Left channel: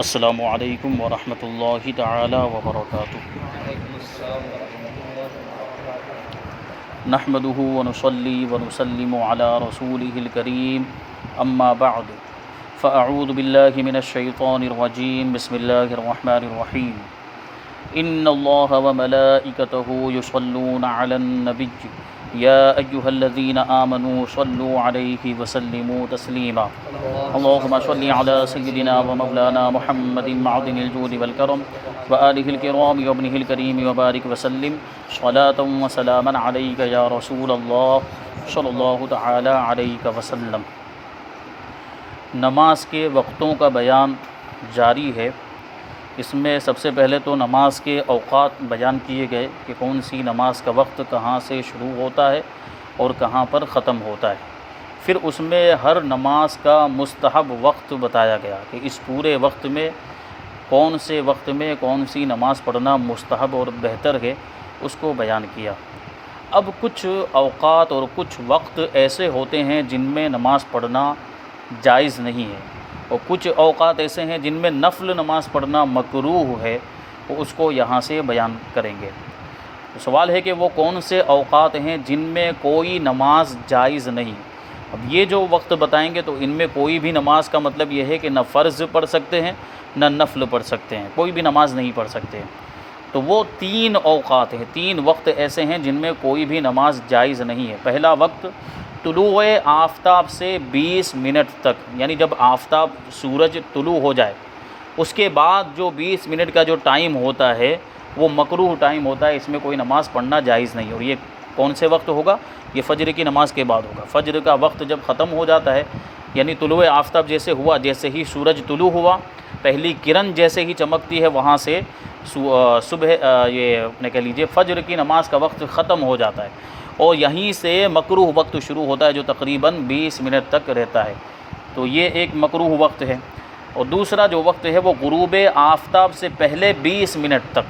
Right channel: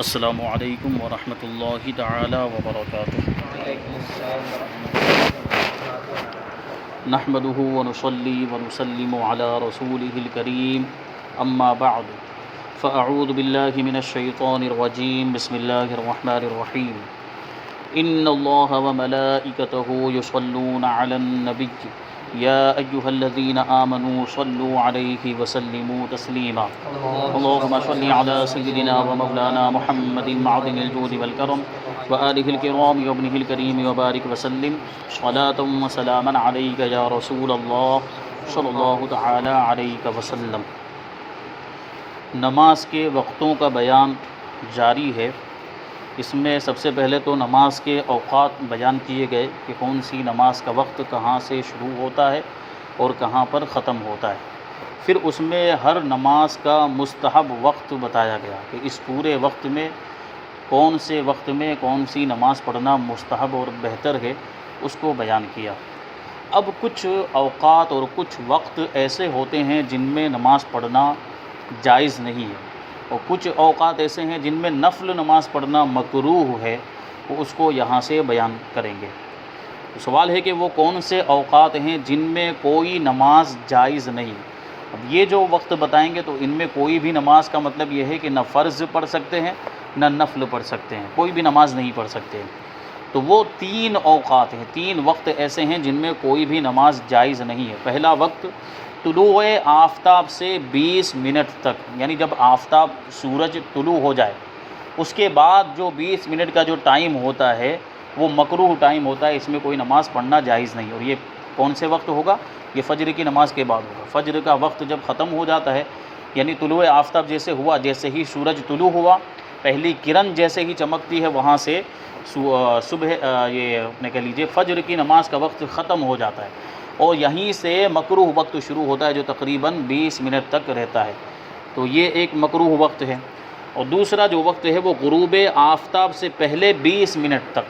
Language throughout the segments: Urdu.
السلام علیکم ورحمۃ اللہ تعالی وبرکاتہ۔ نحمده ونصلي ونسلم على رسوله الكريم اما بعد فاعوذ باللہ من الشیطان الرجیم بسم اللہ الرحمن الرحیم ان اللہ وملائکته یصلون علی النبی یا ایہا الذین آمنوا صلوا علیہ وسلموا تسلیما اللہم صل علی سیدنا ومولانا محمد معدن الجود والکرم وآلہ الکرام وابنہ الکریم وبارک وسلم صلاۃ وسلاما علیک یا رسول اللہ صلی اللہ تعالی علیہ وسلم۔ نماز کے وقتوں کا بیان جاری ہے۔ اس میں سب سے پہلے تو نماز کے اوقات بیان کیے گئے کہ کون سی نماز کا وقت کہاں سے شروع ہوتا ہے اور کہاں پر ختم ہوتا ہے۔ پھر اس میں ہر نماز کا مستحب وقت بتایا گیا کہ اس پورے وقت میں کون سے وقت میں کون سی نماز پڑھنا مستحب اور بہتر ہے، اس کو بیان کیا۔ اب کچھ اوقات اور کچھ وقت ایسے ہوتے ہیں جن میں نماز پڑھنا جائز نہیں ہے، اور کچھ اوقات ایسے ہیں جن میں نفل نماز پڑھنا مکروہ ہے، وہ اس کو یہاں سے بیان کریں گے۔ سوال ہے کہ وہ کون سے اوقات ہیں جن میں کوئی نماز جائز نہیں۔ اب یہ جو وقت بتائیں گے تو ان میں کوئی بھی نماز کا مطلب یہ ہے کہ نہ فرض پڑھ سکتے ہیں نہ نفل پڑھ سکتے ہیں، کوئی بھی نماز نہیں پڑھ سکتے۔ تو وہ 3 اوقات ہیں، 3 وقت ایسے ہیں جن میں کوئی بھی نماز جائز نہیں ہے۔ پہلا وقت طلوع آفتاب سے 20 منٹ تک، یعنی جب آفتاب سورج طلوع ہو جائے اس کے بعد جو 20 منٹ کا جو ٹائم ہوتا ہے وہ مکروہ ٹائم ہوتا ہے، اس میں کوئی نماز پڑھنا جائز نہیں۔ اور یہ کون سے وقت ہوگا؟ یہ فجر کی نماز کے بعد ہوگا۔ فجر کا وقت جب ختم ہو جاتا ہے، یعنی طلوع آفتاب جیسے ہوا، جیسے ہی سورج طلوع ہوا، پہلی کرن جیسے ہی چمکتی ہے، وہاں سے صبح یہ اپنے کہہ لیجیے فجر کی نماز کا وقت ختم ہو جاتا ہے، اور یہیں سے مکروہ وقت شروع ہوتا ہے جو تقریباً 20 منٹ تک رہتا ہے۔ تو یہ ایک مکروہ وقت ہے۔ اور دوسرا جو وقت ہے وہ غروب آفتاب سے پہلے 20 منٹ تک،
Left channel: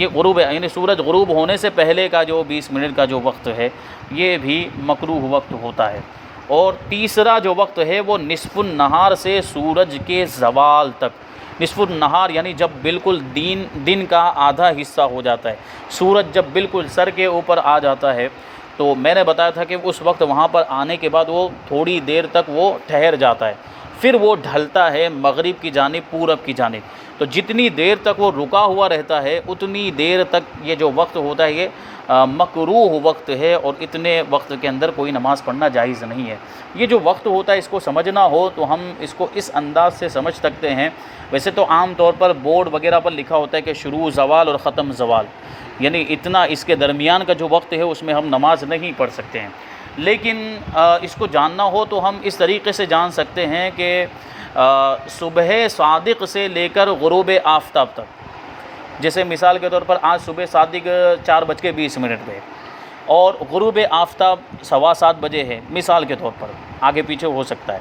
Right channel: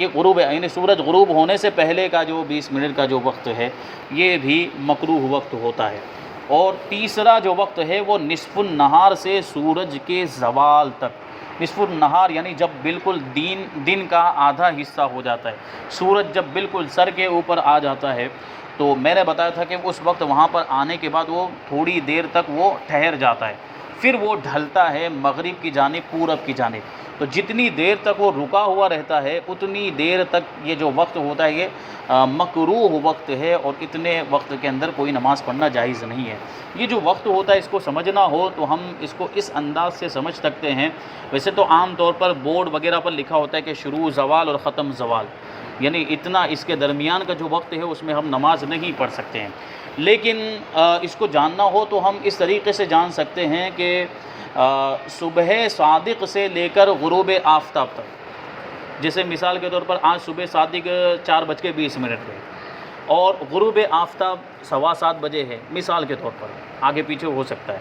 یہ غروب یعنی سورج غروب ہونے سے پہلے کا جو 20 منٹ کا جو وقت ہے یہ بھی مکروہ وقت ہوتا ہے۔ اور تیسرا جو وقت ہے وہ نصف النہار سے سورج کے زوال تک۔ نصف النہار یعنی جب بالکل دن کا آدھا حصہ ہو جاتا ہے، سورج جب بالکل سر کے اوپر آ جاتا ہے، تو میں نے بتایا تھا کہ اس وقت وہاں پر آنے کے بعد وہ تھوڑی دیر تک وہ ٹھہر جاتا ہے، پھر وہ ڈھلتا ہے مغرب کی جانب، پورب کی جانب۔ تو جتنی دیر تک وہ رکا ہوا رہتا ہے اتنی دیر تک یہ جو وقت ہوتا ہے یہ مکروہ وقت ہے، اور اتنے وقت کے اندر کوئی نماز پڑھنا جائز نہیں ہے۔ یہ جو وقت ہوتا ہے اس کو سمجھنا ہو تو ہم اس کو اس انداز سے سمجھ سکتے ہیں۔ ویسے تو عام طور پر بورڈ وغیرہ پر لکھا ہوتا ہے کہ شروع زوال اور ختم زوال، یعنی اتنا اس کے درمیان کا جو وقت ہے اس میں ہم نماز نہیں پڑھ سکتے ہیں۔ لیکن اس کو جاننا ہو تو ہم اس طریقے سے جان سکتے ہیں کہ صبح صادق سے لے کر غروب آفتاب تک، جیسے مثال کے طور پر آج صبح صادق 4:20 پہ اور غروب آفتاب 7:15 بجے ہے، مثال کے طور پر، آگے پیچھے ہو سکتا ہے،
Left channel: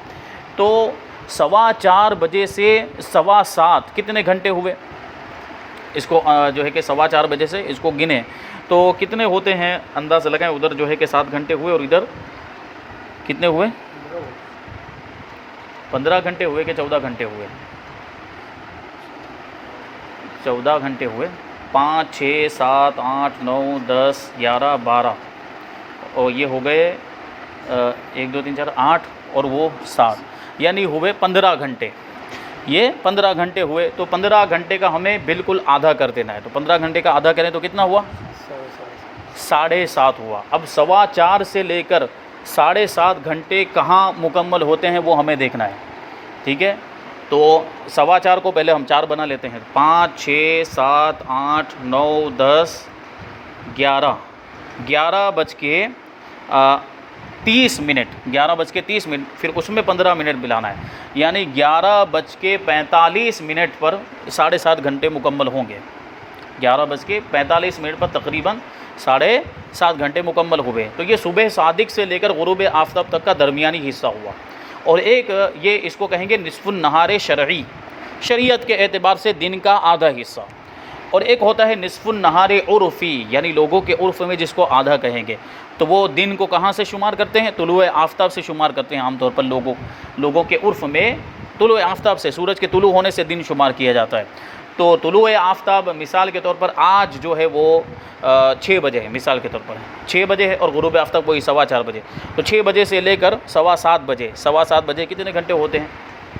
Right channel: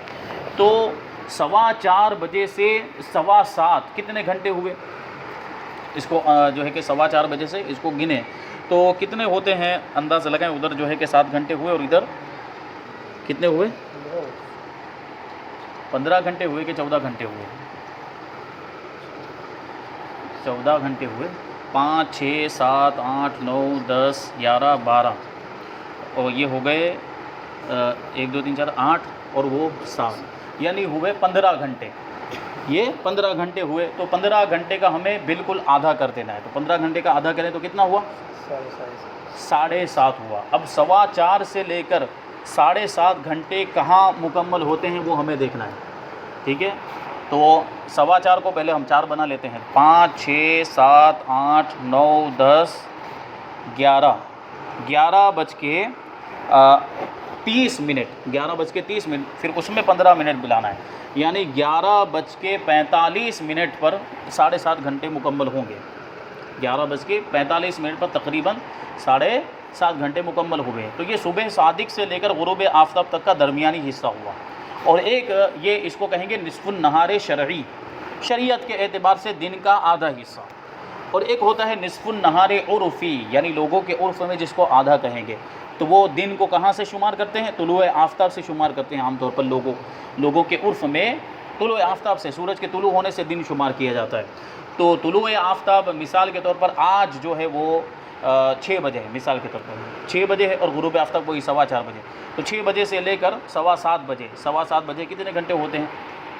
تو 4:15 بجے سے 7:15 کتنے گھنٹے ہوئے؟ اس کو جو ہے کہ 4:15 بجے سے اس کو گنے تو کتنے ہوتے ہیں، اندازہ لگائیں۔ ادھر جو ہے کہ 7 گھنٹے ہوئے اور ادھر کتنے ہوئے؟ 15 گھنٹے ہوئے کہ 14 گھنٹے ہوئے؟ 14 گھنٹے ہوئے۔ 5 6 7 8 9 10 11 12 اور یہ ہو گئے 1 2 3 4 8 اور وہ 7، یعنی ہوئے 15 گھنٹے۔ یہ 15 گھنٹے ہوئے، تو 15 گھنٹے کا ہمیں بالکل آدھا کر دینا ہے۔ تو 15 گھنٹے کا آدھا کریں تو کتنا ہوا؟ 7:30 ہوا۔ اب 4:15 سے لے کر 7:30 گھنٹے کہاں مکمل ہوتے ہیں وہ ہمیں دیکھنا ہے، ٹھیک ہے؟ تو 4:15 کو پہلے ہم 4 بنا لیتے ہیں، 5 6 7 8 9 10 11 11:30 11:30 پھر اس میں 15 منٹ ملانا ہے، یعنی 11:45 پر 7.5 گھنٹے مکمل ہوں گے۔ 11:45 پر تقریباً 7.5 گھنٹے مکمل ہوئے۔ تو یہ صبح صادق سے لے کر غروب آفتاب تک کا درمیانی حصہ ہوا۔ اور ایک یہ اس کو کہیں گے نصف النہار شرعی، شریعت کے اعتبار سے دن کا آدھا حصہ، اور ایک ہوتا ہے نصف النہار عرفی، یعنی لوگوں کے عرف میں جس کو آدھا کہیں گے، تو وہ دن کو کہاں سے شمار کرتے ہیں؟ طلوع آفتاب سے شمار کرتے ہیں عام طور پر لوگوں کے عرف میں۔ طلوع آفتاب سے، سورج کے طلوع ہونے سے دن شمار کیا جاتا ہے۔ تو طلوع آفتاب مثال کے طور پر آج جو ہے وہ 6 بجے ہے، مثال کے طور پر 6 بجے ہے، اور غروب آفتاب وہی 4:15 بجے۔ تو 6 بجے سے لے کر 7:15 بجے، 7:15 بجے کتنے گھنٹے ہوتے ہیں؟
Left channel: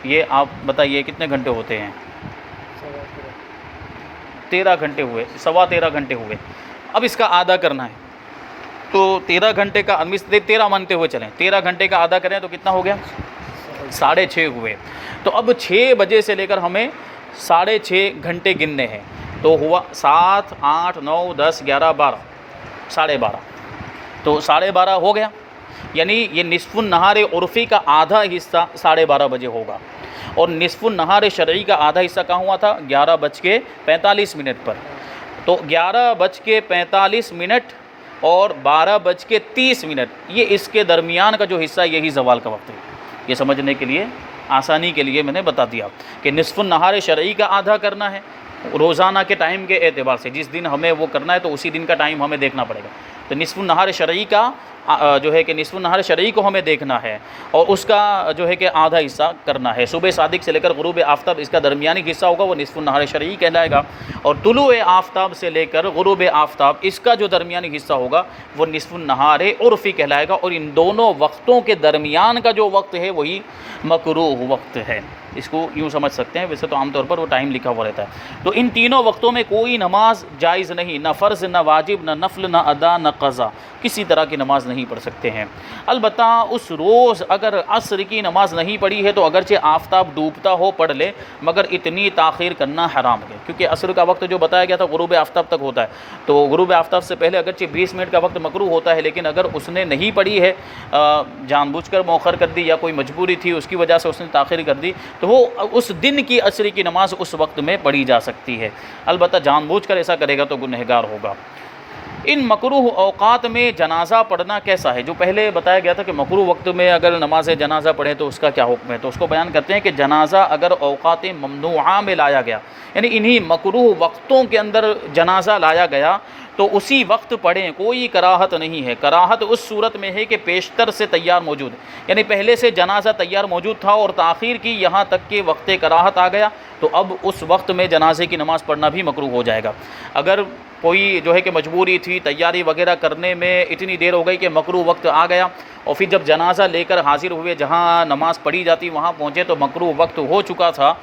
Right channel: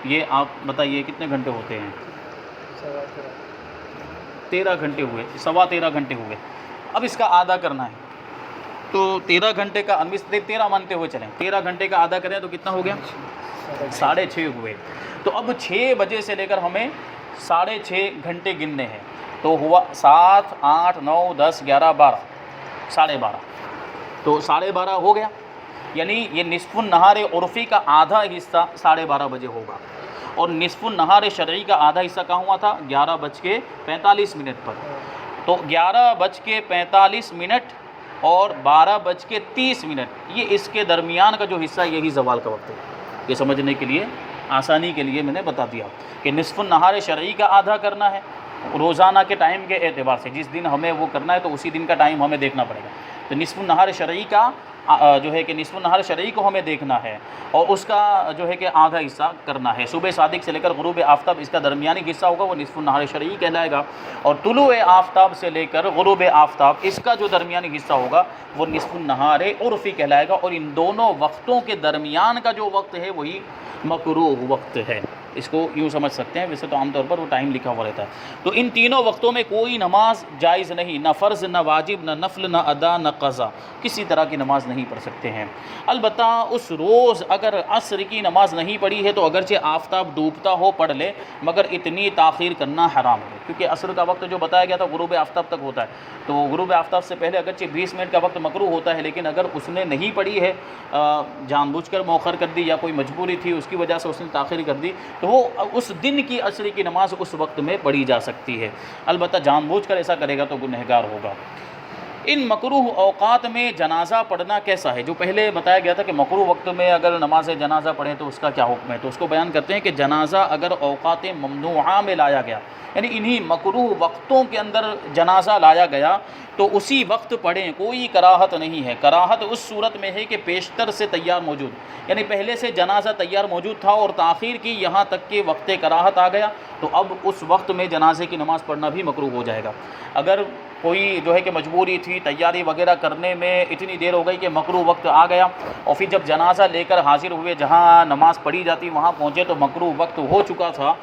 یہ آپ بتائیے کتنے گھنٹے ہوتے ہیں؟ 13 گھنٹے ہوئے، 13.25 گھنٹے ہوئے۔ اب اس کا آدھا کرنا ہے، تو 13 گھنٹے کا 13 مانتے ہوئے چلیں، 13 گھنٹے کا آدھا کریں تو کتنا ہو گیا؟ 6.5 ہوئے۔ تو اب 6 بجے سے لے کر ہمیں 6.5 گھنٹے گننے ہیں، تو ہوا 7، 8، 9، 10، 11، 12، 12:30۔ تو 12:30 ہو گیا، یعنی یہ نصف النہار عرفی کا آدھا حصہ 12:30 بجے ہوگا، اور نصف النہار شرعی کا آدھا حصہ کہاں ہوا تھا؟ 11:45 پر۔ تو 11:45 اور 12:30 یہ اس کے درمیان کا جو حصہ یہی زوال کا وقت ہے۔ یہ سمجھنے کے لیے آسانی کے لیے میں نے بتا دیا کہ نصف النہار شرعی کا آدھا کرنا ہے روزانہ کے ٹائم کے اعتبار سے، جس دن ہمیں وہ کرنا ہے تو اسی دن کا ٹائم ہمیں دیکھنا پڑے گا۔ تو نصف النہار شرعی کا جو ہے کہ نصف النہار شرعی کو ہمیں دیکھنا ہے، اور اس کا جو ہے کہ آدھا حصہ کرنا ہے۔ صبح صادق سے لے کر غروب آفتاب اس کا درمیانی حصہ ہوگا، وہ نصف النہار شرعی کہلائے گا، اور طلوع آفتاب سے لے کر غروب آفتاب اس کا جو درمیانی حصہ ہوگا وہ نصف النہار عرفی کہلائے گا، اور ان دونوں وقتوں کے درمیان کا جو وقت ہے وہی مکروہ وقت ہے۔ اس کو یوں سمجھ سکتے ہیں، ویسے تو عام طور پر وہ ٹائم لکھا ہوا رہتا ہے۔ تو ان تینوں وقتوں میں کوئی نماز جائز نہیں، نہ فرض، نہ واجب، نہ نفل، نہ ادا، نہ قضا، کسی طرح کی نماز نہیں پڑھ سکتے ہیں۔ البتہ اس روز اگر عصر کی نماز نہیں پڑھی ہے تو اگرچہ آفتاب ڈوبتا ہو پڑھ لے، مگر اتنی تاخیر کرنا حرام ہے، کیونکہ عصر کا وقت جو بتایا گیا تھا غروب آفتاب تک ہوتا ہے، تو غروب آفتاب سے پہلے اگرچہ 20 منٹ کا وقت مکروہ ہوتا ہے، لیکن اگر اس نے نہیں پڑھی ہے، جان بوجھ کر مؤخر کر دی یا کوئی مجبوری تھی اس کی وجہ سے اس نے تاخیر کر دی، تو وہ اس دن کی عصر کی نماز اس وقت میں پڑھی جا سکتی ہے۔ البتہ جان بوجھ کر ایسا کرے گا تو گنہگار ہوگا۔ ان مکروہ اوقات میں جنازہ پڑھنا کیسا ہے؟ جو پہلے بتایا گیا تھا کہ مکروہ وقت میں اگر نماز جنازہ پڑھیں تو اس کا کیا حکم ہے، تو اس کو بیان کرتے ہیں کہ جنازہ اگر اوقات ممنوعہ میں لایا گیا، یعنی انہی مکروہ وقتوں کے اندر جنازہ لایا گیا تو اسی وقت پڑھیں، کوئی کراہت نہیں ہے۔ کراہت اس صورت میں ہے کہ پیشتر سے تیار موجود، یعنی پہلے سے جنازہ تیار موجود تھا اور تاخیر کی یہاں تک کہ وقت کراہت آ گیا، تو اب اس وقت میں جنازے کی نماز پڑھنا بھی مکروہ ہو جائے گا۔ اگر کوئی جو ہے کہ مجبوری تھی، تیاری وغیرہ کرنے میں اتنی دیر ہو گئی کہ مکروہ وقت آ گیا، اور پھر جب جنازہ لے کر حاضر ہوئے جہاں نماز پڑھی جاتی وہاں پہنچے تو مکروہ وقت ہو چکا تھا،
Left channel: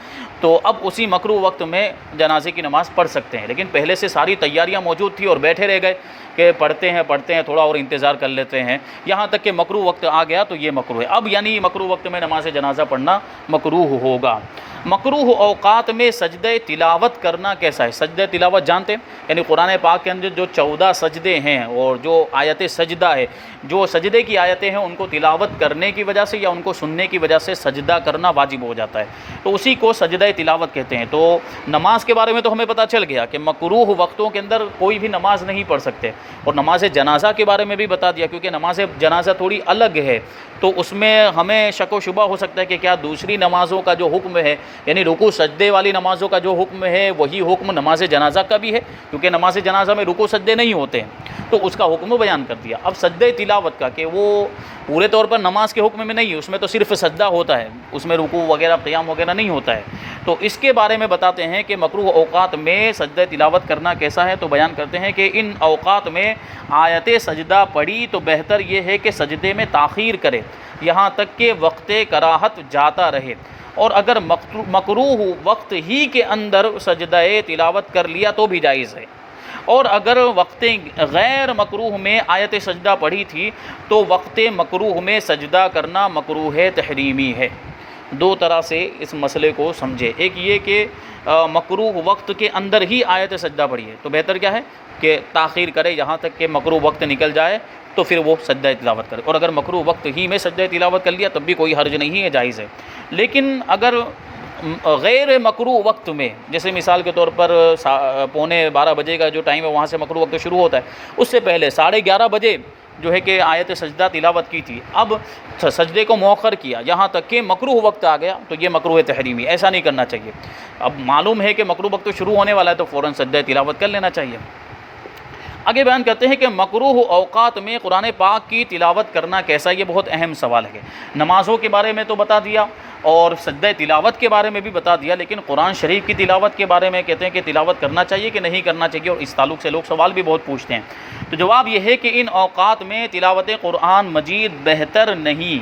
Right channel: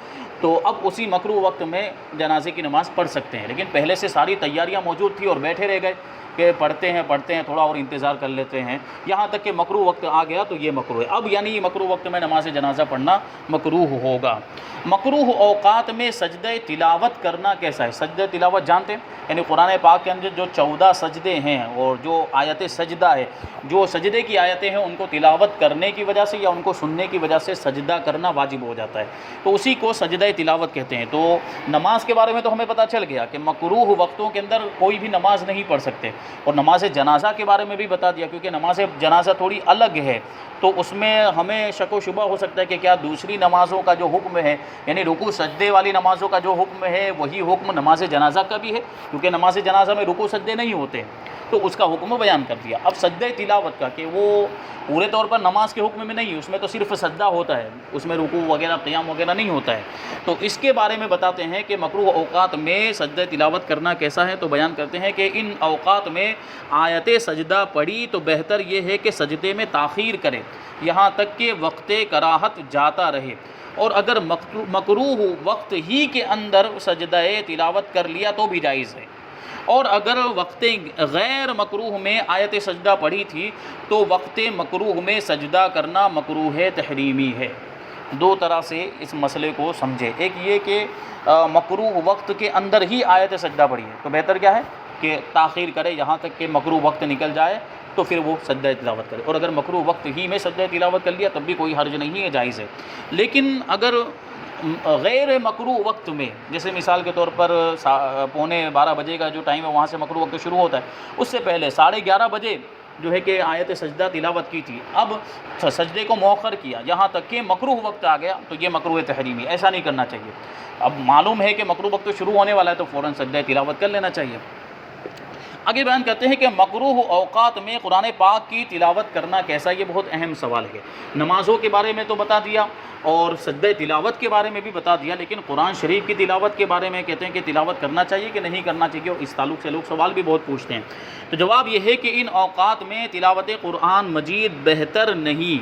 تو اب اسی مکروہ وقت میں جنازے کی نماز پڑھ سکتے ہیں، لیکن پہلے سے ساری تیاریاں موجود تھی اور بیٹھے رہ گئے کہ پڑھتے ہیں تھوڑا اور انتظار کر لیتے ہیں، یہاں تک کہ مکروہ وقت آ گیا تو یہ مکروہ ہے۔ اب یعنی مکروہ وقت میں نماز جنازہ پڑھنا مکروہ ہوگا۔ مکروہ اوقات میں سجدہ تلاوت کرنا کیسا ہے؟ سجدہ تلاوت جانتے ہیں، یعنی قرآن پاک کے اندر جو 14 سجدے ہیں اور جو آیت سجدہ ہے، جو سجدے کی آیتیں ہیں ان کو تلاوت کرنے کی وجہ سے یا ان کو سننے کی وجہ سے سجدہ کرنا واجب ہو جاتا ہے، تو اسی کو سجدہ تلاوت کہتے ہیں۔ تو نماز کے بارے میں تو ہمیں پتہ چل گیا کہ مکروہ وقتوں کے اندر کوئی بھی نماز نہیں پڑھ سکتے، اور نماز جنازہ کے بارے میں بھی بتا دیا، کیونکہ نماز جنازہ تھوڑی الگ ہے، تو اس میں ہمیں شک و شبہ ہو سکتا ہے کہ کیا دوسری نمازوں کا جو حکم ہے، یعنی رکوع سجدے والی نمازوں کا جو حکم ہے وہی حکم نماز جنازہ کا بھی ہے، کیونکہ نماز جنازہ میں رکوع سجدے نہیں ہوتے ہیں، تو اس کا حکم بیان کر دیا۔ اب سجدہ تلاوت کا کہ وہ پورے طور پر نماز کے حکم میں نہیں، اس میں تو صرف سجدہ ہوتا ہے، اس میں رکوع وغیرہ قیام وغیرہ نہیں ہوتا ہے، تو اس کے بارے میں بتاتے ہیں کہ مکروہ اوقات میں سجدہ تلاوت کرنا کیسا ہے، تو بیان کرتے ہیں کہ ان اوقات میں آیت سجدہ پڑھی تو بہتر یہ ہے کہ سجدے میں تاخیر کرے یہاں تک کہ وقت کراہت جاتا رہے، اور اگر مکروہ وقت ہی کے اندر سجدہ تلاوت کر لیا تو بھی جائز ہے، اور اگر وقت غیر مکروہ میں آیت سجدہ پڑھی تھی تو وقت مکروہ میں سجدہ کرنا مکروہ تحریمی ہے۔ دو طرح سے اس مسئلے کو سمجھے، ایک یہ کہ مکروہ وقت کے اندر ہی آیت سجدہ پڑھی ہے تو بہتر کیا ہے کہ تاخیر کرے یہاں تک کہ مکروہ وقت نکل جائے تو پھر وہ سجدہ تلاوت کرے، اور اگر مکروہ وقت ہی میں سجدہ تلاوت کر لیا تب بھی کوئی حرج نہیں ہے، جائز ہے۔ لیکن اگر غیر مکروہ وقت میں، جیسے مثال کے طور پر 11:45 بجے کا جو ٹائم ہے وہاں سے مکروہ وقت شروع ہوتا ہے، اس سے پہلے 11:30 بجے جو ہے کہ آیت سجدہ تلاوت کی تھی، اب سجدے کو مؤخر کیا یہاں تک کہ مکروہ وقت آ گیا تو یہ مکروہ تحریمی، ایسا نہیں کرنا چاہیے۔ اب معلوم ہے کہ مکروہ وقت شروع ہونے والا ہے تو فوراً سجدہ تلاوت کر لینا چاہیے۔ آگے بیان کرتے ہیں کہ مکروہ اوقات میں قرآن پاک کی تلاوت کرنا کیسا، یہ بہت اہم سوال ہے۔ نمازوں کے بارے میں تو بتا دیا اور سجدہ تلاوت کے بارے میں بھی بتا دیا، لیکن قرآن شریف کی تلاوت کے بارے میں کہتے ہیں کہ تلاوت کرنا چاہیے کہ نہیں کرنا چاہیے، اور اس تعلق سے لوگ سوال بھی بہت پوچھتے ہیں۔ تو جواب یہ ہے کہ ان اوقات میں تلاوت قرآن مجید بہتر نہیں،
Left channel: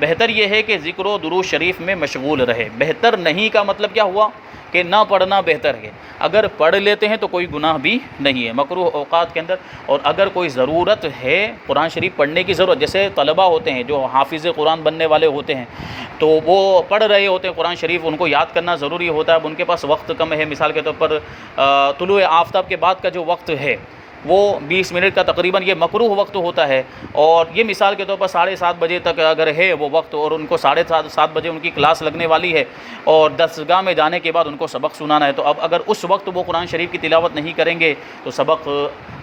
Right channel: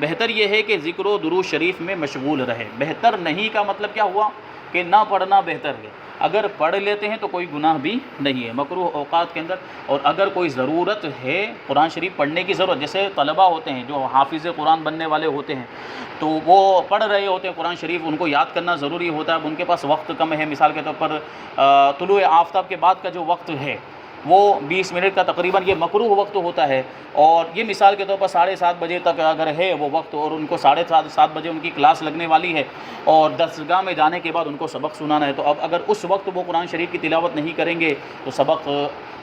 بہتر یہ ہے کہ ذکر و درود شریف میں مشغول رہے۔ بہتر نہیں کا مطلب کیا ہوا کہ نہ پڑھنا بہتر ہے، اگر پڑھ لیتے ہیں تو کوئی گناہ بھی نہیں ہے مکروہ اوقات کے اندر۔ اور اگر کوئی ضرورت ہے قرآن شریف پڑھنے کی ضرورت، جیسے طلبہ ہوتے ہیں جو حافظ قرآن بننے والے ہوتے ہیں تو وہ پڑھ رہے ہوتے ہیں قرآن شریف، ان کو یاد کرنا ضروری ہوتا ہے، اب ان کے پاس وقت کم ہے، مثال کے طور پر طلوع آفتاب کے بعد کا جو وقت ہے وہ 20 منٹ کا تقریباً یہ مکروہ وقت ہوتا ہے، اور یہ مثال کے طور پر 7:30 بجے تک اگر ہے وہ وقت، اور ان کو 7:30 بجے ان کی کلاس لگنے والی ہے اور درسگاہ میں جانے کے بعد ان کو سبق سنانا ہے، تو اب اگر اس وقت وہ قرآن شریف کی تلاوت نہیں کریں گے تو سبق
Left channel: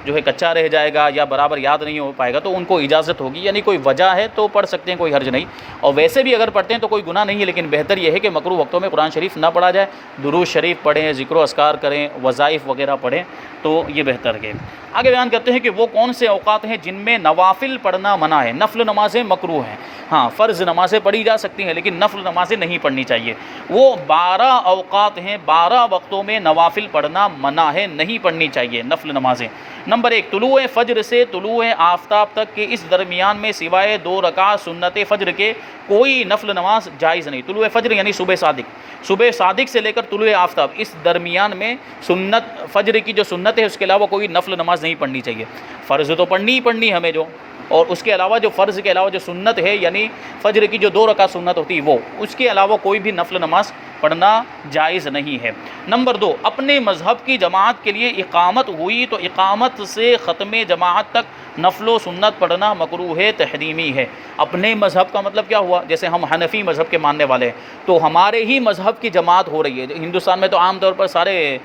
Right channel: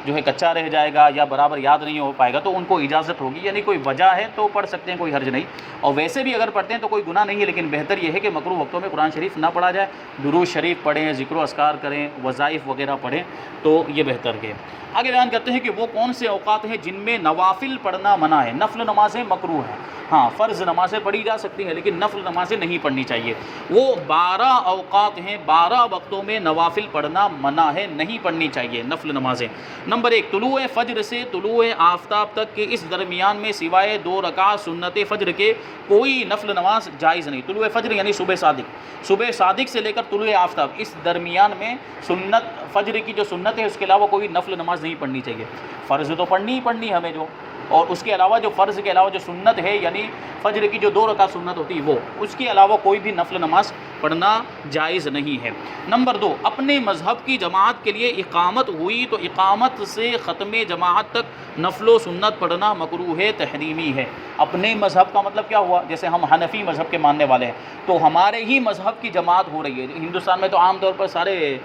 جو ہے کچا رہ جائے گا یا برابر یاد نہیں ہو پائے گا، تو ان کو اجازت ہوگی، یعنی کوئی وجہ ہے تو پڑھ سکتے ہیں، کوئی حرج نہیں، اور ویسے بھی اگر پڑھتے ہیں تو کوئی گناہ نہیں ہے، لیکن بہتر یہ ہے کہ مکروہ وقتوں میں قرآن شریف نہ پڑھا جائے، درود شریف پڑھیں، ذکر و اذکار کریں، وظائف وغیرہ پڑھیں، تو یہ بہتر ہے۔ آگے بیان کرتے ہیں کہ وہ کون سے اوقات ہیں جن میں نوافل پڑھنا منع ہے، نفل نمازیں مکروہ ہیں، ہاں فرض نمازیں پڑھی جا سکتی ہیں لیکن نفل نمازیں نہیں پڑھنی چاہیے۔ وہ 12 اوقات ہیں، 12 وقتوں میں نوافل پڑھنا منع ہے، نہیں پڑھنی چاہیے نفل نمازیں۔ نمبر 1، طلوع فجر سے طلوع آفتاب تک کے اس درمیان میں سوائے 2 رکعت سنت فجر کے کوئی نفل نماز جائز نہیں۔ طلوع فجر یعنی صبح صادق سے لے کر طلوع آفتاب، اس درمیان میں سنت فجر کی جو سنت ہے اس کے علاوہ کوئی نفل نماز نہیں پڑھنی چاہیے۔ فرض تو پڑھنی ہی پڑھنی ہمیں جو، اور اس کے علاوہ جو فرض کے علاوہ جو سنت ہے یعنی فجر کی جو 2 رکعت سنت ہوتی ہے وہ، اس کے علاوہ کوئی بھی نفل نماز پڑھنا جائز نہیں ہے۔ نمبر 2، اپنے مذہب کی جماعت کے لیے اقامت ہوئی تو اقامت سے ختم جماعت تک نفل و سنت پڑھنا مکروہ تحریمی ہے۔ اپنے مذہب کا مطلب کیا ہوا، جیسے ہم حنفی مذہب کے ماننے والے ہیں تو ہمارے ہی مذہب کی جماعت ہو رہی ہے۔ ہندوستان میں تو عام طور پر سارے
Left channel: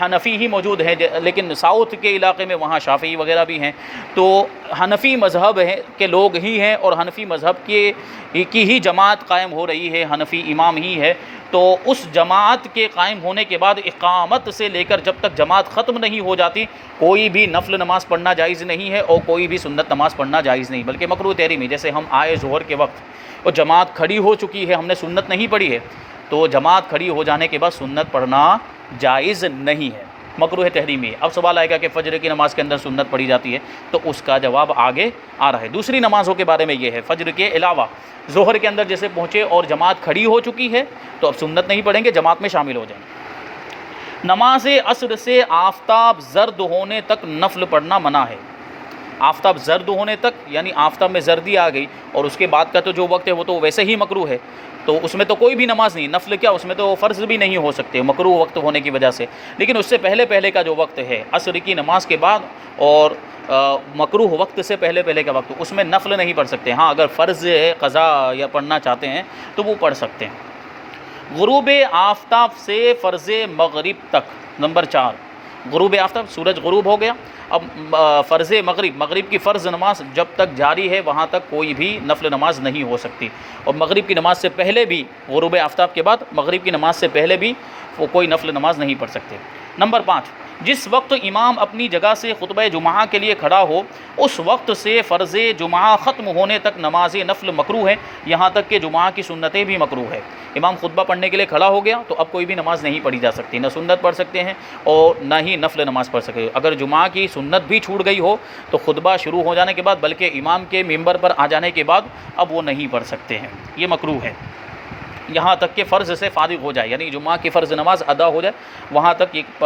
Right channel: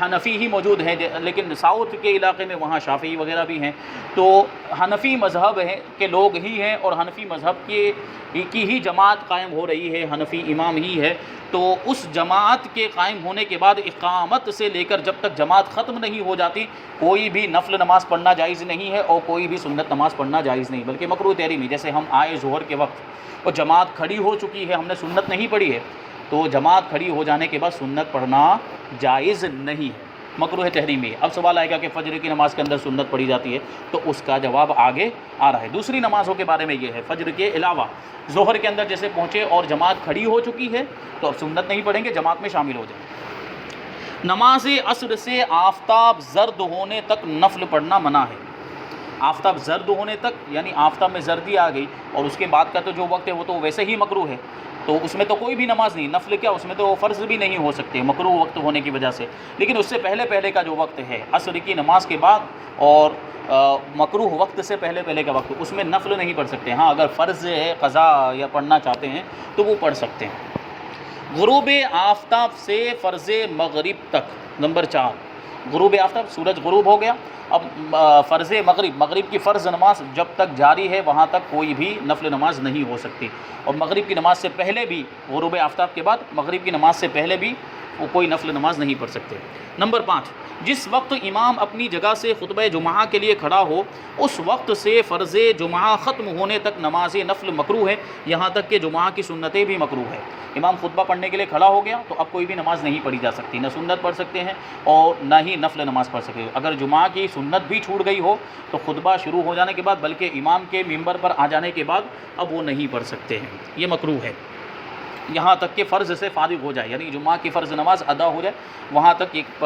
حنفی ہی موجود ہیں، لیکن ساؤتھ کے علاقے میں وہاں شافعی وغیرہ بھی ہیں، تو حنفی مذہب ہے کے لوگ ہی ہیں اور حنفی مذہب کی ہی جماعت قائم ہو رہی ہے، حنفی امام ہی ہے، تو اس جماعت کے قائم ہونے کے بعد اقامت سے لے کر جب تک جماعت ختم نہیں ہو جاتی کوئی بھی نفل نماز پڑھنا جائز نہیں ہے اور کوئی بھی سنت نماز پڑھنا جائز نہیں، بلکہ مکروہ تحریمی۔ جیسے ہم آئے ظہر کے وقت اور جماعت کھڑی ہو چکی ہے، ہم نے سنت نہیں پڑھی ہے، تو جماعت کھڑی ہو جانے کے بعد سنت پڑھنا جائز نہیں ہے، مکروہ تحریمی ہے۔ اب سوال آئے گا کہ فجر کی نماز کے اندر سنت پڑھی جاتی ہے، تو اس کا جواب آگے آ رہا ہے۔ دوسری نمازوں کے بارے میں یہ ہے، فجر کے علاوہ ظہر کے اندر جیسے پہنچے اور جماعت کھڑی ہو چکی ہے تو اب سنت نہیں پڑھیں گے، جماعت میں شامل ہو جائیں۔ نماز عصر سے آفتاب زرد ہونے تک نفل پڑھنا منع ہے۔ آفتاب زرد ہونے تک یعنی آفتاب میں زردی آ گئی اور اس کے بعد کا تو جو وقت ہے وہ تو ویسے ہی مکروہ ہے، تو اس میں تو کوئی بھی نماز نہیں، نفل کیا اس میں تو فرض بھی نہیں ہو سکتے مکروہ وقت ہونے کی وجہ سے، لیکن اس سے پہلے کا جو وقت ہے عصر کی نماز کے بعد اور مکروہ وقت سے پہلے کا وقت، اس میں نفل نہیں پڑھ سکتے، ہاں اگر فرض ہے قضا یا پڑھنا چاہتے ہیں تو وہ پڑھ سکتے ہیں۔ غروب آفتاب سے فرض مغرب تک۔ نمبر 4، غروب آفتاب، سورج غروب ہو گیا، اب فرض مغرب کی فرض نماز جب تک جاری ہے وہاں تک کوئی بھی نفل نماز نہیں ہو سکتی، اور مغرب کی نماز سے پہلے بھی، غروب آفتاب کے بعد مغرب کی نماز سے پہلے بھی وہ کوئی نفل نماز نہیں پڑھ سکتے۔ نمبر 5، جس وقت امام اپنی جگہ سے خطبہ جمعہ کے لیے کھڑا ہو اس وقت سے فرض جمعہ ختم ہونے تک نماز نفل مکروہ ہے، یہاں تک کہ جمعہ کی سنتیں بھی مکروہ ہے۔ امام خطبہ پڑھنے کے لیے کھڑا ہو گیا تو اب کوئی بھی نماز نہیں پڑھی جا سکتی، نہ سنت پڑھ سکتے ہیں اور نہ ہی نفل نماز پڑھ سکتے ہیں۔ اگر جمعہ کی سنت بھی چھوٹ گئی ہو تو خطبہ شروع ہو جانے کے بعد بلکہ امام کے ممبر پر آ جانے کے بعد اب وہ نہیں پڑھ سکتے ہیں، یہ مکروہ ہے، یہاں تک کہ فرض سے فارغ ہو جائے، یعنی جمعہ کی فرض نماز ادا ہو جائے وہاں تک ایک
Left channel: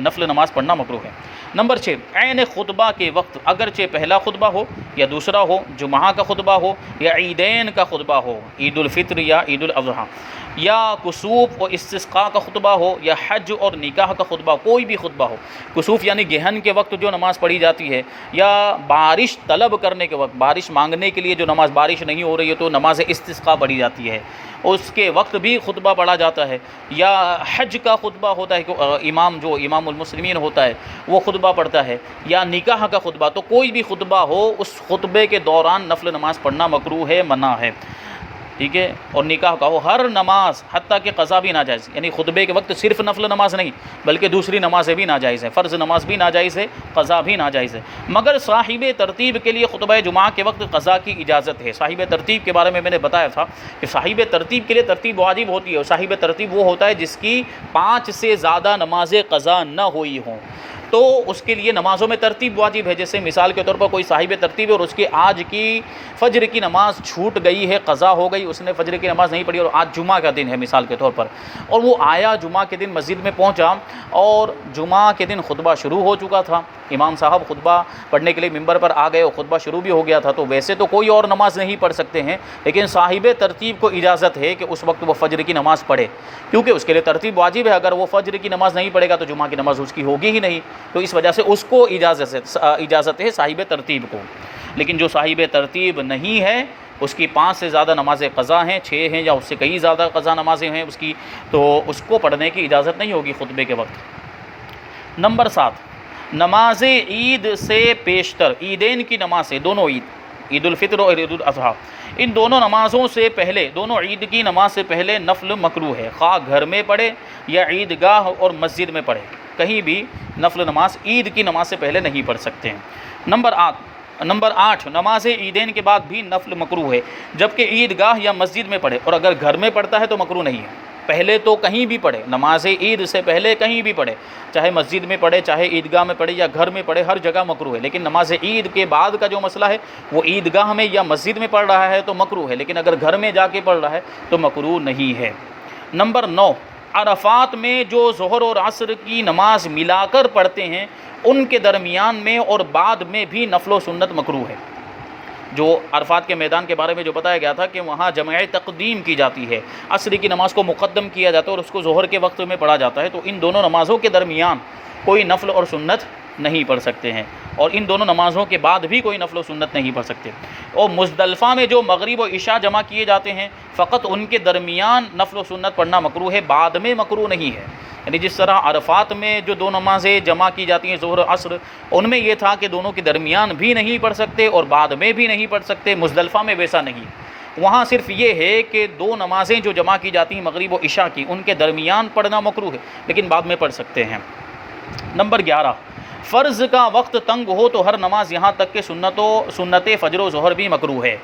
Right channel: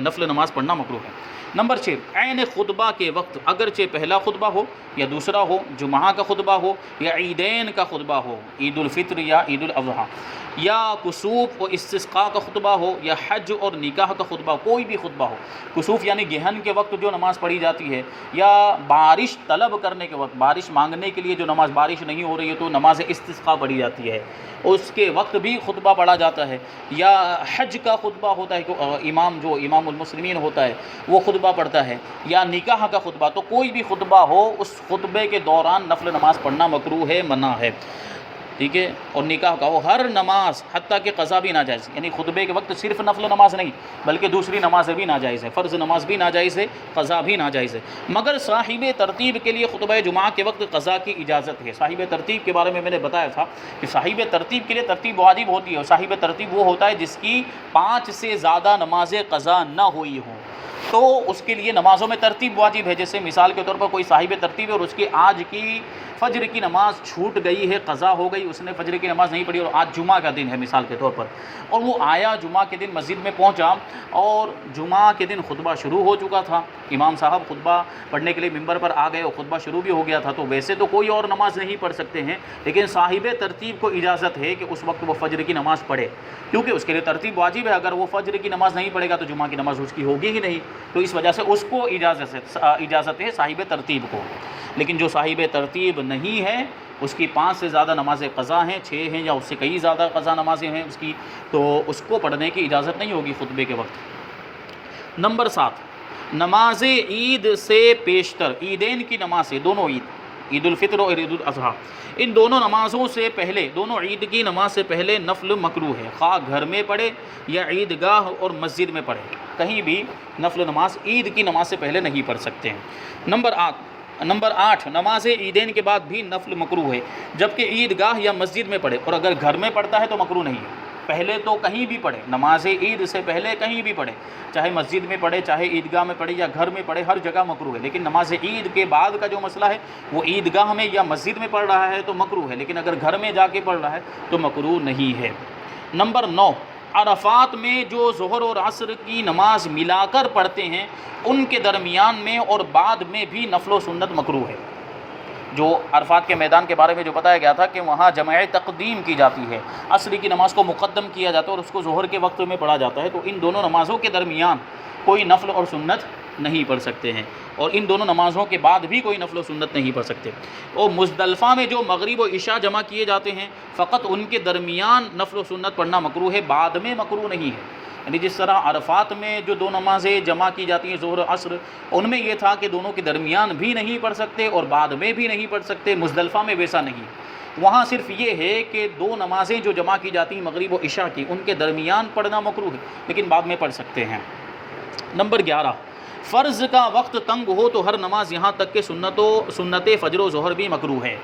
نفل نماز پڑھنا مکروہ ہے۔ نمبر 6، عین خطبہ کے وقت اگرچہ پہلا خطبہ ہو یا دوسرا ہو، جمعہ کا خطبہ ہو یا عیدین کا خطبہ ہو، عید الفطر یا عید الاضحیٰ، یا کسوف و استسقاء کا خطبہ ہو یا حج اور نکاح کا خطبہ، کوئی بھی خطبہ ہو، کسوف یعنی گہن کے وقت جو نماز پڑھی جاتی ہے، یا بارش طلب کرنے کے وقت، بارش مانگنے کے لیے جو نماز، بارش نہیں ہو رہی ہے تو نماز استسقاء پڑھی جاتی ہے، اس کے وقت بھی خطبہ پڑھا جاتا ہے، یا حج کا خطبہ ہوتا ہے کہ امام المسلمین ہوتا ہے وہ خطبہ پڑھتا ہے، یا نکاح کا خطبہ، تو کوئی بھی خطبہ ہو اس خطبے کے دوران نفل نماز پڑھنا مکروہ ہے، منع ہے۔ ٹھیک ہے، اور نکاح کا وہ ہر نماز حتیٰ کہ قضا بھی ناجائز، یعنی خطبے کے وقت صرف نفل نماز نہیں بلکہ دوسری نمازیں بھی ناجائز ہیں، فرض نماز بھی ناجائز ہے، قضا بھی ناجائز ہے، مگر صاحب ترتیب کے لیے خطبہ جمعہ کے وقت قضا کی اجازت ہے۔ صاحب ترتیب کے بارے میں نے بتایا تھا کہ صاحب ترتیب کے لیے ترتیب واجب ہوتی ہے، صاحب ترتیب وہ ہوتا ہے جس کی 5 سے زیادہ نمازیں قضا نہ ہوئی ہوں، تو اس کے لیے نمازوں میں ترتیب واجب ہے۔ جیسے مثال کے طور پر کوئی صاحب ترتیب ہے اور اس کی آج کی فجر کی نماز چھوٹ گئی ہے، قضا ہو گئی، اس نے فجر کی نماز نہیں پڑھی اور آج جمعہ کا دن ہے مثال کے طور پر، اور وہ آیا جمعہ کے دن مسجد میں پہنچا اور جمعہ کے دن خطبہ شروع ہو چکا تھا، امام صاحب خطبہ پڑھنے کے لیے ممبر پر آ گئے اور خطبہ شروع بھی ہو گیا تھا، تو ویسے تو کوئی اور نماز نہیں پڑھ سکتے ہیں، لیکن صاحب ترتیب کو اجازت ہے کہ اس وقت وہ فجر کی نماز پڑھے، کیونکہ اس کے لیے ترتیب واجب ہے۔ اگر وہ فجر کی نماز نہیں پڑھے گا تو جمعہ کی نماز اس کی ہوگی ہی نہیں، تو اس وجہ سے اس کو اجازت ہے صاحب ترتیب کو۔ لیکن جو صاحب ترتیب نہیں ہے، اس کی 5 سے زیادہ نمازیں قضا ہیں، 6 ہیں یا اس سے کئی زیادہ قضا نمازیں ہیں اس کی، تو اس کو پڑھنے کی اجازت نہیں ہوگی خطبے کے وقت۔ نمبر 7، نماز عید سے پیشتر، عیدین کی نمازیں، دونوں عید الفطر اور عید الاضحیٰ، ان دونوں نمازوں سے پہلے، دونوں عید کی نماز سے پہلے نفل مکروہ ہے، خواہ گھر میں پڑھے یا عیدگاہ اور مسجد میں پڑھے، کہیں بھی نفل نماز عید کی نماز سے پہلے نہیں پڑھ سکتے ہیں۔ نمبر 8، نماز عیدین کے بعد بھی نفل مکروہ ہے، جبکہ عیدگاہ یا مسجد میں پڑھے، اور اگر گھر میں پڑھتا ہے تو مکروہ نہیں ہے۔ پہلے تو کہیں بھی پڑھے، نماز عید سے پہلے کہیں بھی پڑھے، چاہے مسجد میں پڑھے، چاہے عیدگاہ میں پڑھے یا گھر میں پڑھے، ہر جگہ مکروہ ہے۔ لیکن نماز عید کے بعد کا جو مسئلہ ہے وہ عیدگاہ میں یا مسجد میں پڑھ رہا ہے تو مکروہ ہے، لیکن اگر گھر میں جا کے پڑھ رہا ہے تو مکروہ نہیں ہے۔ نمبر 9، عرفات میں جو ظہر اور عصر کی نماز ملا کر پڑھتے ہیں ان کے درمیان میں اور بعد میں بھی نفل و سنت مکروہ ہے۔ جو عرفات کے میدان کے بارے میں جو بتایا گیا تھا کہ وہاں جمع تقدیم کی جاتی ہے، عصر کی نماز کو مقدم کیا جاتا ہے اور اس کو ظہر کے وقت میں پڑھا جاتا ہے، تو ان دونوں نمازوں کے درمیان کوئی نفل اور سنت نہیں پڑھ سکتے ہیں، اور ان دونوں نمازوں کے بعد بھی کوئی نفل و سنت نہیں پڑھ سکتے۔ اور مزدلفہ میں جو مغرب و عشاء جمع کیے جاتے ہیں فقط ان کے درمیان نفل و سنت پڑھنا مکروہ ہے، بعد میں مکروہ نہیں ہے۔ یعنی جس طرح عرفات میں جو دو نمازیں جمع کی جاتی ہیں ظہر و عصر، ان میں یہ تھا کہ دونوں کے درمیان بھی نہیں پڑھ سکتے اور بعد میں بھی نہیں پڑھ سکتے، مزدلفہ میں ویسا نہیں، وہاں صرف یہ ہے کہ دو نمازیں جو جمع کی جاتی ہیں مغرب و عشاء کی، ان کے درمیان پڑھنا مکروہ ہے لیکن بعد میں پڑھ سکتے ہیں۔ نمبر 11، فرض کا وقت تنگ ہو تو ہر نماز یہاں تک کہ سنت فجر و ظہر بھی مکروہ ہے۔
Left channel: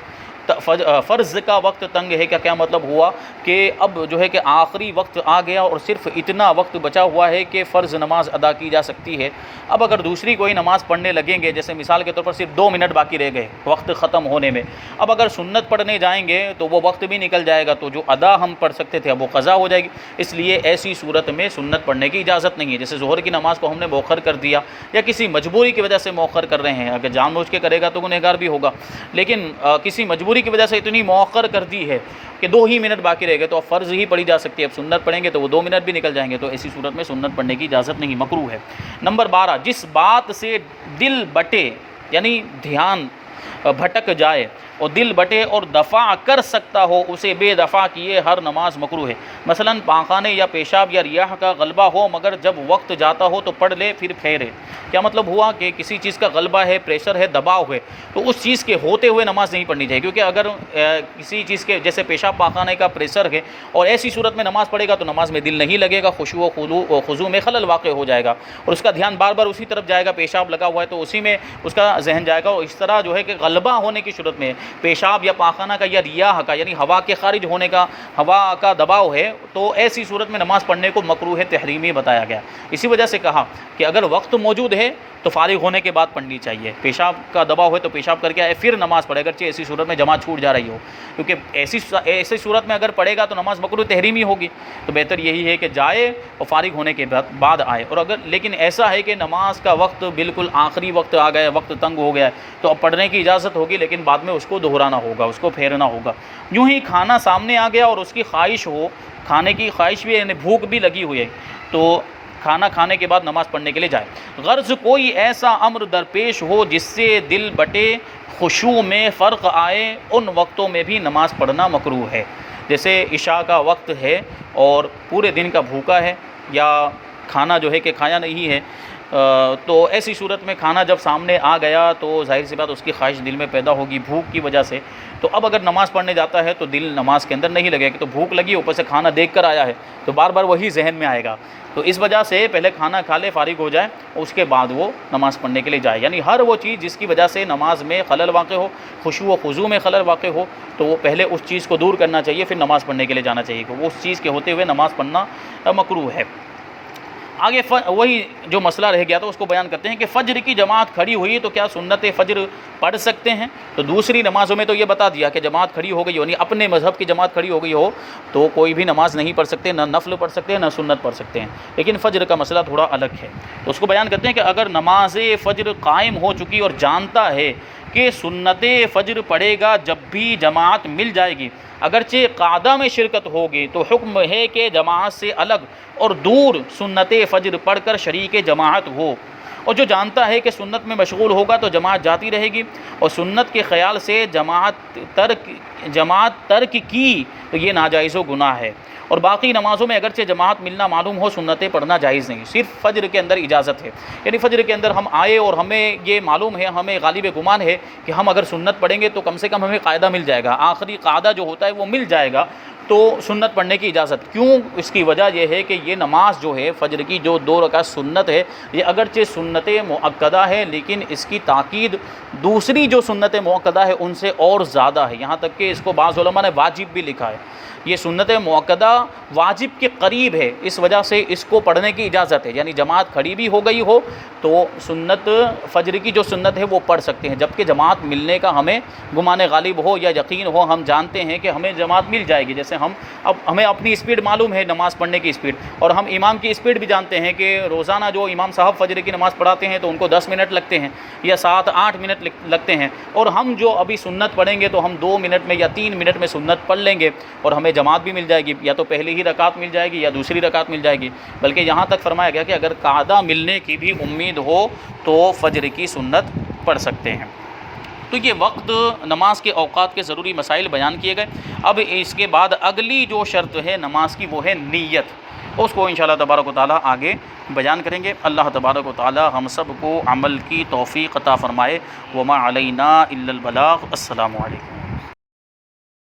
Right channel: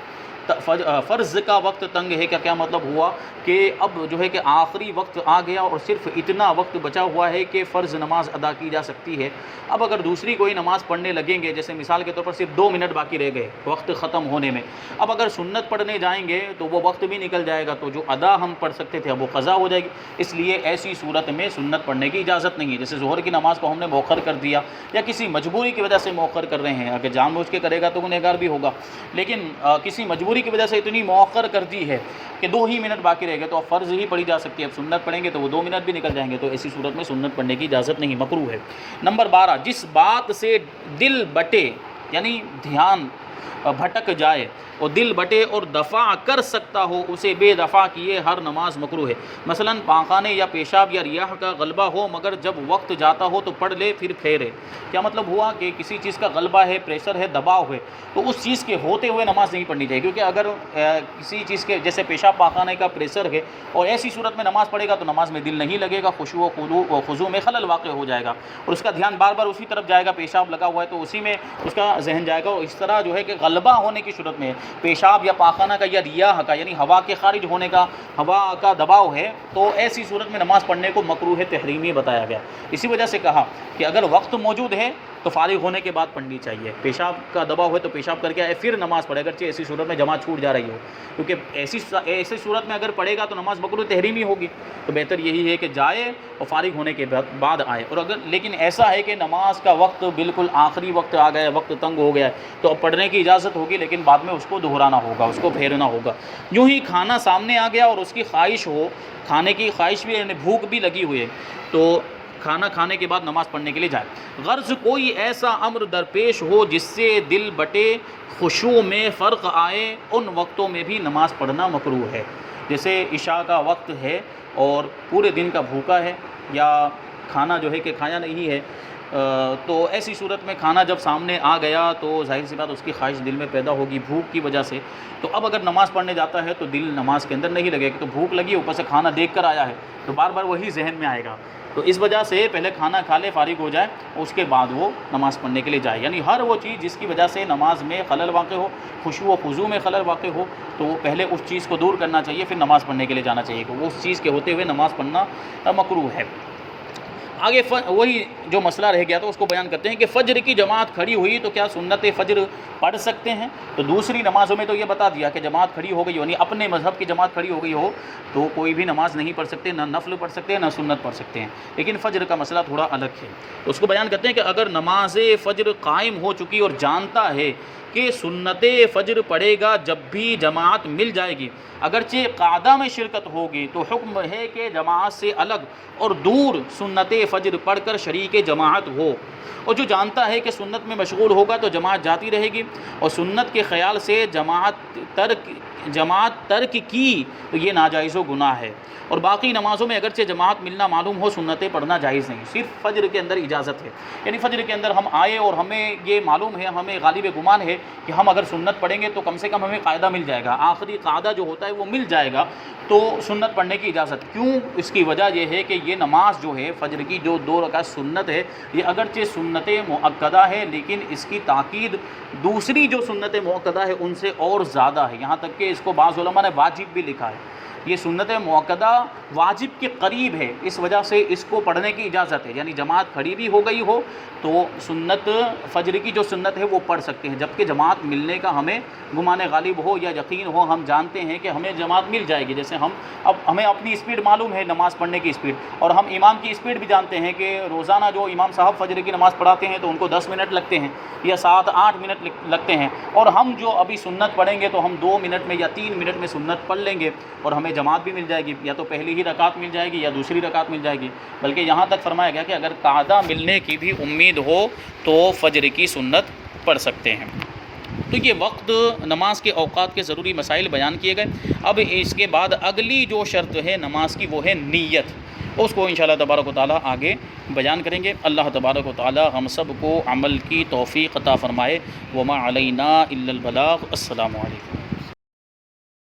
فرض کا وقت تنگ ہے کیا مطلب ہوا کہ اب جو ہے کہ آخری وقت آ گیا اور صرف اتنا وقت بچا ہوا ہے کہ فرض نماز ادا کی جا سکتی ہے، اب اگر دوسری کوئی نماز پڑھنے لگیں گے، جیسے مثال کے طور پر صرف 2 منٹ باقی رہ گئے وقت ختم ہونے میں، اب اگر سنت پڑھنے جائیں گے تو وہ وقت بھی نکل جائے گا، تو جو ادا ہم پڑھ سکتے تھے اب وہ قضا ہو جائے گی، اس لیے ایسی صورت میں سنت پڑھنے کی اجازت نہیں ہے۔ جیسے ظہر کی نماز کو ہم نے مؤخر کر دیا یا کسی مجبوری کی وجہ سے مؤخر کر رہے ہیں، اگر جان بوجھ کے کرے گا تو گنہگار بھی ہوگا، لیکن کسی مجبوری کی وجہ سے اتنی مؤخر کر دی ہے کہ 2 ہی منٹ باقی رہ گئے تو اب فرض ہی پڑھی جا سکتی ہے، اب سنت پڑھیں گے تو وہ 2 منٹ بھی نکل جائیں گے، تو ایسی صورت میں سنت پڑھنے کی اجازت نہیں، مکروہ ہے۔ نمبر 12، جس بات سے دل بٹے یعنی دھیان بھٹک جائے اور دل بٹے اور دفع کر سکتا ہو اسے بے دفع کیے ہر نماز مکروہ ہے۔ مثلا پاخانے یا پیشاب یا ریاح کا غلبہ ہو مگر جب وقت جاتا ہو تو پڑھ لے پھر پھیرے۔ کیا مطلب ہوا کہ کسی چیز کا غلبہ ہے، پریشر ہے، دباؤ ہے، تو اس چیز کے ہوتے ہوئے نماز نہیں پڑھنی چاہیے، کیونکہ اگر کسی چیز کے جیسے پیشاب پاخانے کا پریشر ہے اور ایسی صورت میں نماز پڑھے گا تو نماز میں دل نہیں لگے گا، خشوع و خضوع میں خلل واقع ہو جائے گا اور اس کا دھیان بار بار اسی طرف جائے گا، پیشاب لگا ہوا ہے تو اسی میں اس کا ذہن جائے گا، اور اس طرح جو ہے کہ غلبہ ہونے کی صورت میں پیشاب یا پاخانہ کا یا ریاح کا یعنی ہوا کے خارج ہونے کا، ہوا کا دباؤ ہے، تو ایسی صورت میں نماز پڑھنے کو مکروہ تحریمی بتایا گیا۔ اسی وجہ سے کہا کہ اگر وقت موجود ہے تو فارغ ہونے کے بعد پڑھنی چاہیے، پیشاب کا دباؤ ہے تو پیشاب کر کے آئے پھر نماز پڑھے، اگرچہ ایسی صورت میں جماعت چھوٹ جا رہی ہو، کیونکہ ایسی صورت میں اگر پڑھے گا تو نماز مکروہ تحریمی ہوگی، تو بہتر یہی ہے کہ جائے اور فارغ ہونے کے بعد آئے۔ اور اگر لیکن ایسا ہے کہ نماز کا وقت بالکل آخری وقت آ گیا، وقت تنگ ہو گیا تو اب پڑھنے کی اجازت ہوگی لیکن بعد میں اس کو دہرانا ہوگا، اس کو پھیرنا ہوگا۔ یوں ہی کھانا سامنے آ گیا اور اس کی خواہش ہو، کھانے کی خواہش بھی یعنی بھوک بھی لگی ہوئی ہے، تو کھانا کھانے کے بعد نماز پڑھنے کے لیے جائے۔ غرض کوئی ایسا امر درپیش ہو جس سے دل بٹے، خشوع میں فرق آئے، ان وقتوں میں بھی نماز پڑھنا مکروہ ہے۔ جیسے عشاء کا وقت ہے اور پورے دن کا بھوکا ہے یا کھانا جو ہے کہ کھایا نہیں ہے، تو ایسی صورت میں کھانا جب سامنے آ گیا تو ظاہر سی بات اس کی خواہش دل میں پیدا ہوگی بھوک کی وجہ سے. تو اب اگر نماز پڑھنے جاتا ہے تو دل نماز کے اندر نہیں لگے گا, تو بھوک لگی اوپر سے کھانا دیکھ کر آیا ہے تو بار بار وہی ذہن میں آئے گا. تو اس وجہ سے پہلے کھانا کھا لے, فارغ ہو جائے, اور اس کے بعد وہ نماز پڑھنے کے لیے جائے. یعنی ہر وہ چیز جس کی وجہ سے نماز میں خلل واقع ہو, خشوع و خضوع میں خلل واقع ہو, تو پہلے اس چیز کو دور کرنا چاہیے, پھر نماز پڑھنے کے لیے جانا چاہیے. کہ وہ اس چیز کے ہوتے ہوئے نماز پڑھنا مکروہ ہے. آگے وہی جو مسئلہ رہ گیا تھا اس کو بیان کرتے ہیں کہ فجر کی جماعت کھڑی ہوئی تو کیا سنت فجر پڑھ سکتے ہیں؟ تو دوسری نمازوں میں تو یہ بتا دیا کہ جماعت کھڑی ہو گئی ہو, یعنی اپنے مذہب کی جماعت کھڑی ہو گئی ہو تو کوئی بھی نماز نہیں پڑھ سکتے, نہ نفل پڑھ سکتے ہیں نہ سنت پڑھ سکتے ہیں. لیکن فجر کا مسئلہ تھوڑا الگ ہے, تو اس کو بیان کرتے ہیں کہ اگر نماز فجر قائم ہو چکی اور جانتا ہے کہ سنت فجر پڑھے گا جب بھی جماعت مل جائے گی, اگرچہ قعدہ میں شرکت ہوگی, تو حکم ہے کہ جماعت سے الگ اور دور سنت فجر پڑھ کر شریک جماعت ہو. اور جو جانتا ہے کہ سنت میں مشغول ہوگا تو جماعت جاتی رہے گی, اور سنت کے خیال سے جماعت ترک کی تو یہ ناجائز و گناہ ہے. اور باقی نمازوں میں اگرچہ جماعت ملنا معلوم ہو, سنتیں پڑھنا جائز نہیں, صرف فجر کے اندر اجازت ہے. یعنی فجر کے اندر ہم آئے اور ہمیں یہ معلوم ہے, ہمیں غالب گمان ہے کہ ہم اگر سنت پڑھیں گے تو کم سے کم ہمیں قاعدہ مل جائے گا, آخری قاعدہ جو ہوتا ہے وہ مل جائے گا, تو سنت پڑھنے کی اجازت. کیوں؟ اس کی وجہ یہ ہے کہ یہ نماز جو ہے فجر کی جو 2 رکعت سنت ہے, یہ اگرچہ سنت مؤکدہ ہے لیکن اس کی تاکید دوسری جو سنت مؤکدہ ہے ان سے اور زیادہ ہے. یہاں تک کہ اس کو بعض علماء نے واجب بھی لکھا ہے. یہ سنت مؤکدہ واجب کے قریب ہے, اس وجہ سے اس کو پڑھنے کی اجازت ہے. یعنی جماعت کھڑی بھی ہو گئی ہو تو سنت فجر کی جو سنت ہے وہ پڑھ سکتے ہیں, جبکہ جماعت ملنے کا ہمیں گمان غالب ہو یا یقین ہو, ہم جانتے ہیں کہ ہمیں جماعت مل جائے گی. جیسے ہمیں اپنی اسپیڈ معلوم ہے نماز پڑھنے کی اسپیڈ, اور ہم امام کی اسپیڈ بھی جانتے ہیں کہ روزانہ جو امام صاحب فجر کی نماز پڑھاتے ہیں تو ان کو 10 منٹ لگتے ہیں یا 7-8 منٹ لگتے ہیں, اور ہم جو ابھی سنت پڑھیں گے تو ہم 2 منٹ میں یا 3 منٹ میں سنت پڑھ لیں گے, اور ہمیں جماعت بھی مل جائے گی, یا تو پہلی ہی رکعت مل جائے گی یا دوسری رکعت مل جائے گی. بلکہ یہاں تک فرمایا گیا کہ اگر قعدہ ملنے کی بھی امید ہو تو فجر کی سنت پڑھ سکتے ہیں. تو یہ وقت نماز کے اوقات کے ضروری مسائل بیان کیے گئے. اب اس کے بعد اگلی جو شرط ہے نماز کی وہ ہے نیت, اس کو انشاءاللہ تبارک و تعالیٰ آگے بیان کریں گے. اللہ تبارک و تعالیٰ ہم سب کو عمل کی توفیق عطا فرمائے. وما علینا الا البلاغ. السلام علیکم.